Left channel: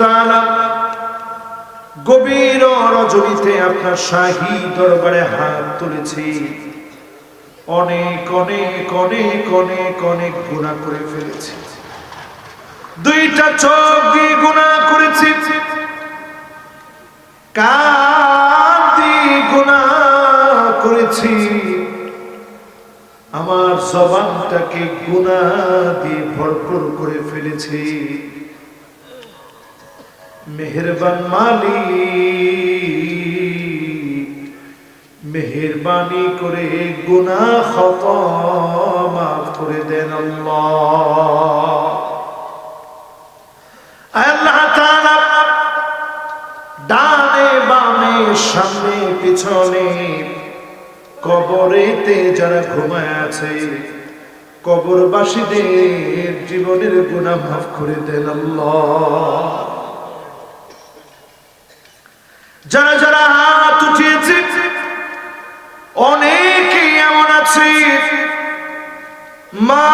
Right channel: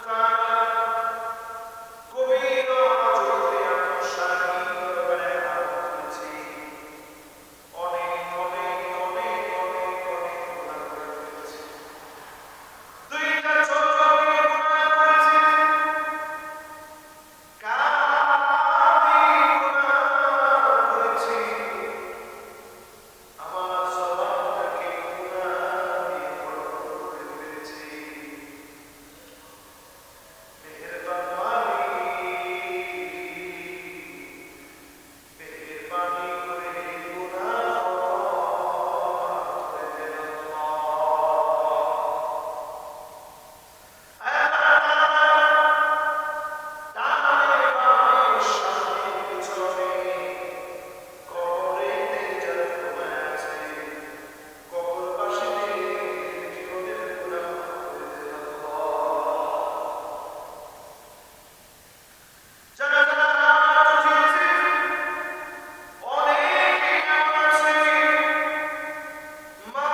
তাআলা গভীর রজনীতে আপনার শাহী দরবারে হাত তুলেছি। অনেক অনেক অনেক অনেক অনেক গুনাহ করে ফেলেছি। দুইটা চোখ দিয়ে গুনাহ করেছি, কান দিয়ে গুনাহ করেছি, আমার জবানটাকে গুনাহ দিয়ে ভরপুর করে ফেলেছি। মেহেরবান মালিক, মেহেরবানি করে গুনাহ খতা মাফ করে দেন আল্লাহ। আল্লাহ তাআলা ডানে বামে সামনে পিছনে কবরেতে যারা ঘুমায় আছে, কবরবাসীদের জীবনের গুনাহ মাফ করে দেন আল্লাহ। যারা যারা হাত উঠিয়েছে, অনেকে এমন আছে মা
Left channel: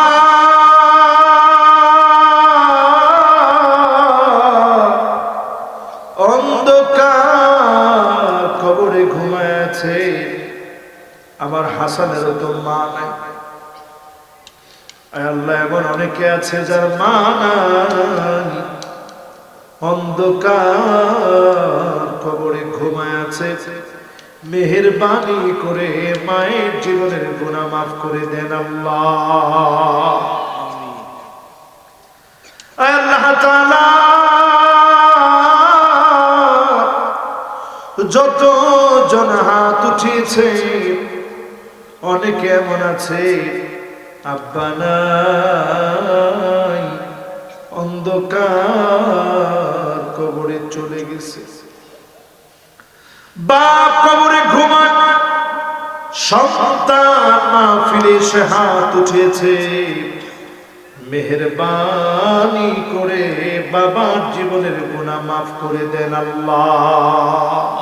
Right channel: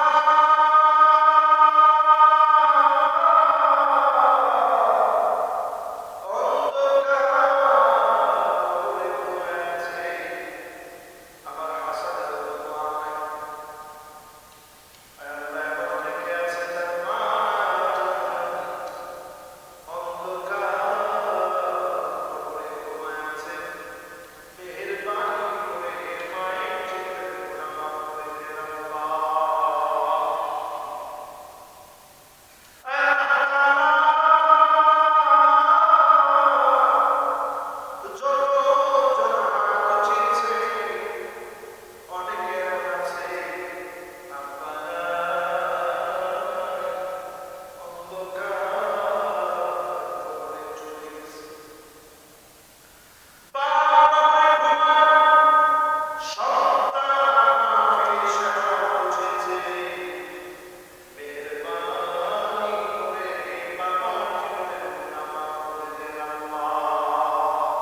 অন্ধকার কবরে ঘুমায় আছে। আমার হাসানেরও তো মা নাই। আল্লাহ, এমন অনেকে আছে যার মা নাই, অন্ধকার কবরে ঘুমায় আছে। মেহেরবানি করে মায়ের জীবনের গুনাহ মাফ করে দেন আল্লাহ। আল্লাহ তাআলা যত জন হাত উঠিয়েছে, অনেকে এমন আছে আব্বা নাই, অন্ধকার কবরে চলে গেছে। বাপ কবরে ঘুমায়, সন্তান মাহফিলে এসে হাত উঠিয়েছে। মেহেরবানি করে বাবার জীবনের গুনাহ মাফ করে দেন আল্লাহ।